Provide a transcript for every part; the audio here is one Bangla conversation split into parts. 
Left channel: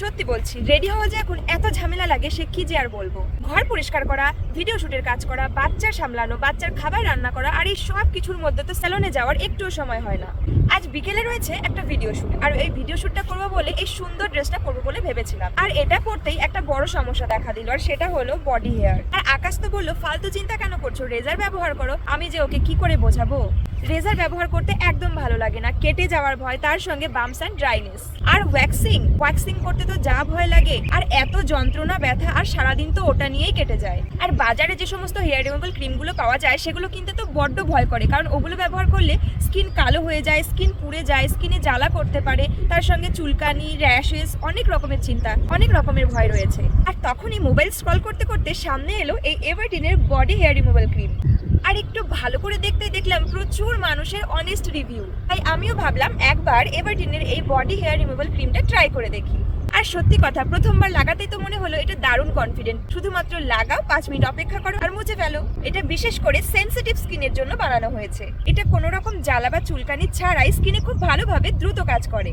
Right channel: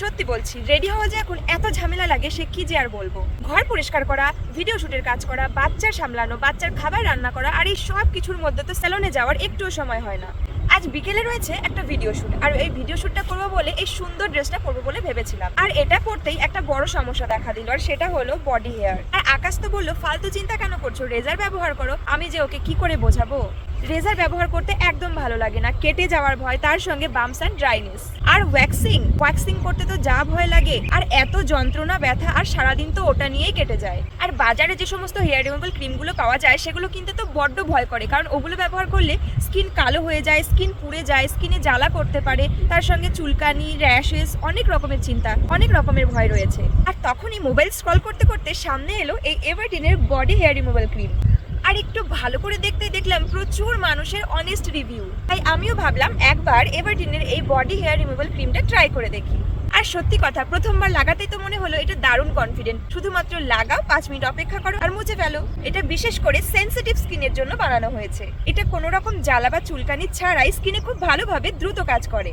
সত্যি বলছি, রেডি হওয়া যে এখন এত ঝামেলা লাগে সে কি যে আর বলবো। ঘর পরিষ্কার করা, ভিডিও শুটের কাজ করা, বাচ্চা সামলানো, বাচ্চার খাবার রান্না করা, আর এই সব কিছুর মধ্যে তো সেলুনে যাওয়ার একটু সময় হয় না। আজ বিকেলে রয়েছে একটা ভিডিও শুট, আর এই ভিডিও শুটটা করবো বলে এই সুন্দর ড্রেসটা করবো বলে ভেবেছিলাম। আর এটা করতেই একটা বড় সমস্যা দেখা দিল, আর সেটা হলো বডি হেয়ার। আর আকাশ তো বললো ফালতু চিন্তা কেন করছো, রেজার ব্যবহার করো। আমি যে ওকে কি করে বোঝাবো? রেজার ব্যবহার করতে একদম ভালো লাগে না, কেটে যাওয়ার ভয়, তার সঙ্গে বাম্পস এন্ড ড্রাইনেস। আর ওয়াক্সিং করতে তো যা ভয় লাগে, আর এত যন্ত্রণা, ব্যথা, আর সারাদিন তো ওটা নিয়েই কেটে যায়। আর বাজারে যে সমস্ত হেয়ার রিমুভাল ক্রিমগুলো পাওয়া যায় সেগুলো কিনতে তো বড্ড ভয় করে, কারণ ওগুলো ব্যবহার করলে স্কিন কালো হয়ে যায়, স্কিন পুড়ে যায়, স্কিনে জ্বালা করতে পারে, তার সঙ্গে চুলকানি, র্যাশেস, অনেক রকমের চিন্তা, অনেক রকমের ভয় রয়েছে। আর তখনই মোবাইল স্ক্রল করতে করতে সামনে এলো এই এভারটিনের বডি হেয়ার রিমুভাল ক্রিম। আর একটু ভালো করে দেখলাম প্রচুর মানুষের অনেস্ট রিভিউ, তাই আমিও ভাবলাম একবার এভারটিনের এই বডি হেয়ার রিমুভাল ক্রিমটা ট্রাই করে দেখি। আর সত্যি কথা, প্রথমবার লাগাতেই তো মনে হলো এটা দারুণ কনফিডেন্ট। শুধুমাত্র লাগাও, 5 মিনিট অপেক্ষা করো আর মুছে ফেলো। এটা বিশেষ করে সেনসিটিভ স্কিনের জন্য বানানো হয়েছে। এটা কোনো রকম জ্বালা বা চুলকানি ছাড়াই স্কিনে খুব ভালোভাবে দ্রুত কাজ করে,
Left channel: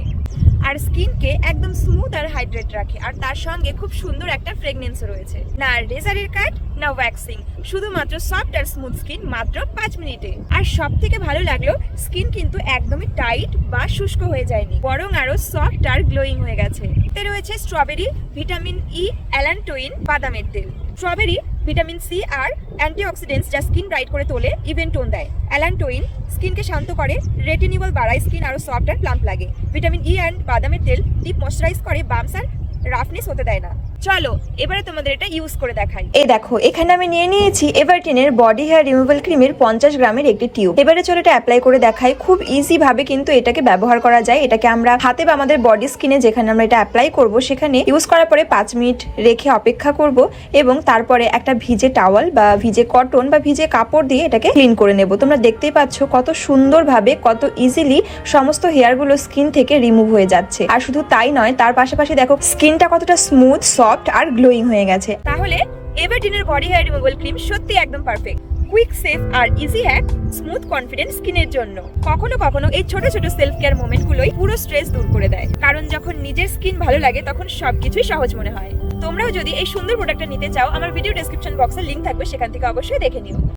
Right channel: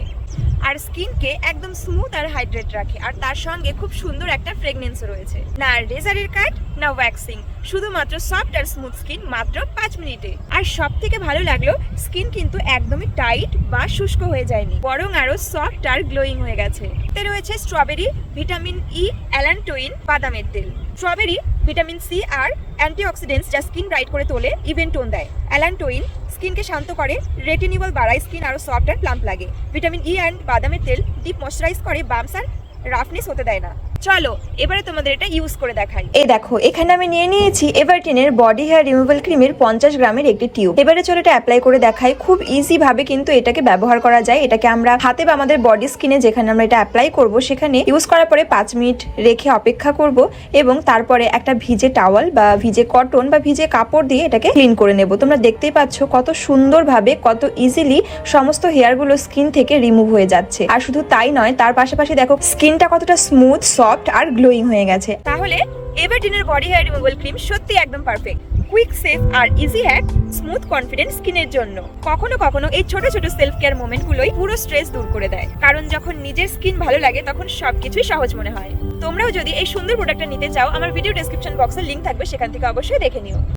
আর স্কিনকে একদম স্মুথ আর হাইড্রেট রাখে। আর তার সঙ্গে খুব সুন্দর একটা ফ্রেগনেন্স রয়েছে। না রেজারের কাট, না ওয়্যাক্সিং, শুধুমাত্র সফট আর স্মুথ স্কিন মাত্র 5 মিনিটে। আর সব থেকে ভালো লাগলো, স্কিন কিন্তু একদমই টাইট বা শুষ্ক হয়ে যায়নি, বরং আরো সফট আর গ্লোয়িং হয়ে গেছে। এতে রয়েছে স্ট্রবেরি, ভিটামিন ই, অ্যালান্টোইন, বাদামের তেল। স্ট্রবেরি, ভিটামিন সি আর অ্যান্টিঅক্সিডেন্টস যা স্কিন ব্রাইট করে তোলে, ইভেন টোন দেয়। অ্যালান্টোইন স্কিনকে শান্ত করে, রেটিনিবল বাড়ায়, স্কিন আরো সফট আর প্লাম্প লাগে। ভিটামিন ই অ্যান্ড বাদামের তেল ডিপ ময়েশ্চারাইজ করে, বাম্পস আর রাফনেস হতে দেয় না। চলো এবারে তোমাদের এটা ইউজ করে দেখাই। এই দেখো, এখানে আমি নিয়ে নিয়েছি এভারটিনের বডি হেয়ার রিমুভাল ক্রিমের 50 গ্রামের একটি টিউব। এবারে চলো এটা অ্যাপ্লাই করে দেখাই। খুব ইজি ভাবে কিন্তু এটাকে ব্যবহার করা যায়। এটাকে আমরা হাতে বা আমাদের বডি স্কিনে যেখানে আমরা এটা অ্যাপ্লাই করব সেখানে ইউজ করার পরে 5 মিনিট রেখে অপেক্ষা করব, এবং তারপরে একটা ভিজে টাওয়াল বা ভিজে কটন বা ভিজে কাপড় দিয়ে এটাকে ক্লিন করে নেব। তোমরা দেখতেই পাচ্ছ কত সুন্দরভাবে, কত ইজিলি সমস্ত হেয়ারগুলো স্কিন থেকে রিমুভ হয়ে যাচ্ছে। আর শুধু তাই নয়, তার পাশাপাশি দেখো স্কিনটা কতটা স্মুথ, সফট আর গ্লোয়িং হয়ে গেছে। তাহলে এভারটিনের বডি হেয়ার রিমুভাল ক্রিম সত্যি একদম পারফেক্ট। কুইক, সেফ আর ইজি হ্যাক, স্মুথ কনফিডেন্ট স্কিনের জন্য। কখনো কখনো এই ছোট ছোট সেলফ কেয়ার মোমেন্টগুলোই পুরো স্ট্রেস দূর করে দেয়, কারণ যখন নিজের স্কিন ভালো লাগে তখন সবকিছুই সহজ মনে হয়। তোমরাও যদি এই সুন্দর প্রোডাক্টটা নিতে চাও, আমার ভিডিও ডেসক্রিপশন বক্সে লিংক থাকবে, সেখান থেকে অবশ্যই দেখে নিও।